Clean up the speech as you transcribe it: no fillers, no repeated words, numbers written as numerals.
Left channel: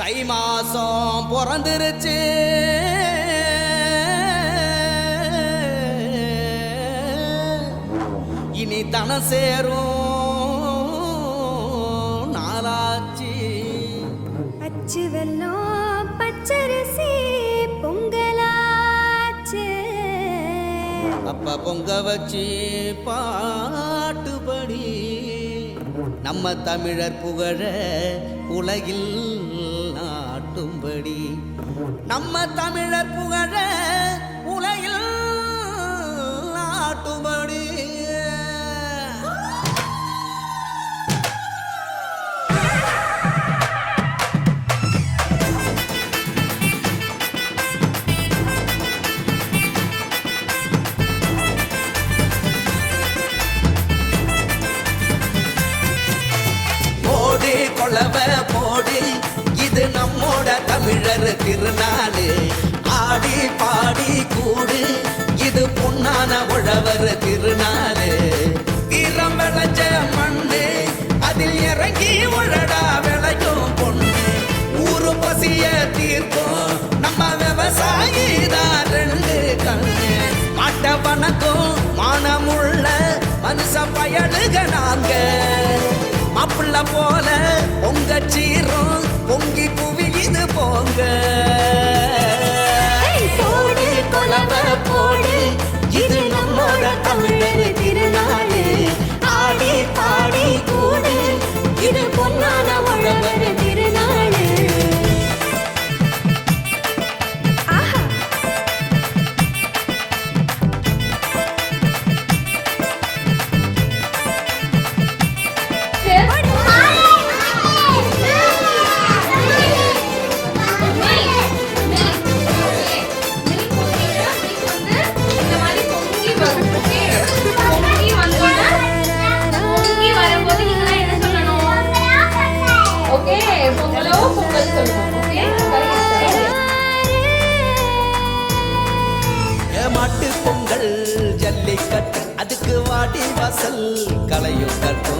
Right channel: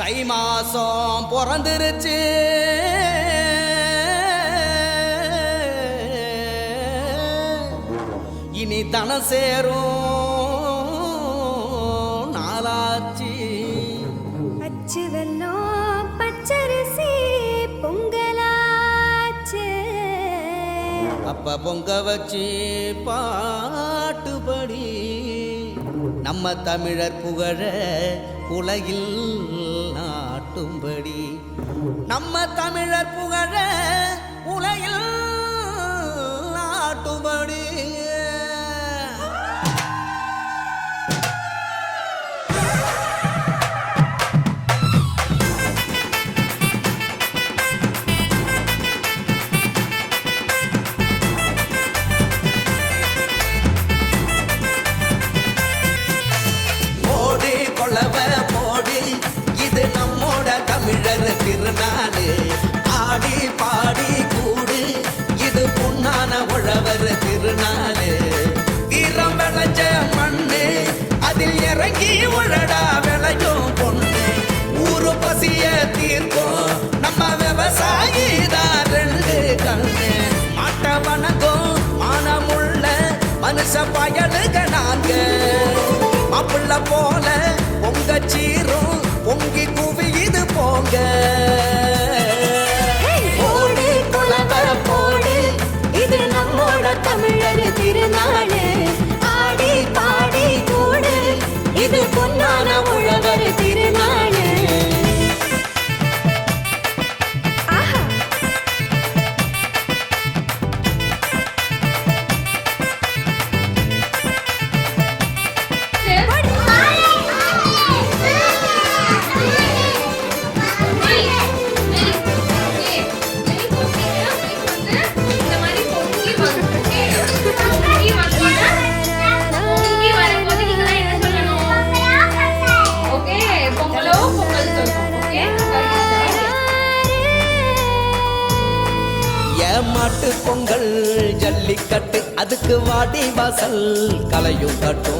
தை மாசம் பிறந்துருச்சு, இனி தன சேரும் நாளாச்சு. அச்சு வெல்லம் பச்சரிசி பொங்கலாச்சு, அப்ப பொங்க வச்சு பாட்டுபடி நம்ம தமிழர் புகழ உலகில் நாட்டும்படி, நம்ம தமிழர் புகழ உலகில் நாட்டும்படி. கொள்ளவ போடு, இது நம்மோட தமிழர் திருநாடு. ஆடி பாடி கூடு, இது பொன்னான உழவர் திருநாடு. வீரம் விளைஞ்ச மண்ணு, அதில் இறங்கி உழடா விளையும் பொண்ணு. ஊரு பசிய தீர்க்கும் நம்ம விவசாயி தான் ரெண்டு கண்ணு. மாட்ட வணக்கம் மானமுள்ள மனுஷ பயலுக நாங்க. மாப்புள்ள போல பொங்க சீரும் பொங்கி புவி இது போங்க. போடு கொலவ போடு, இது நம்மோட தமிழர் திருநாடு. ஆடி பாடி கூடு, இது பொன்னான உழவர் திருநாடு. ஆஹா ஜல்லிக்கட்டு அதுக்கு வாடி வாசல் கலையும் கட்டும்.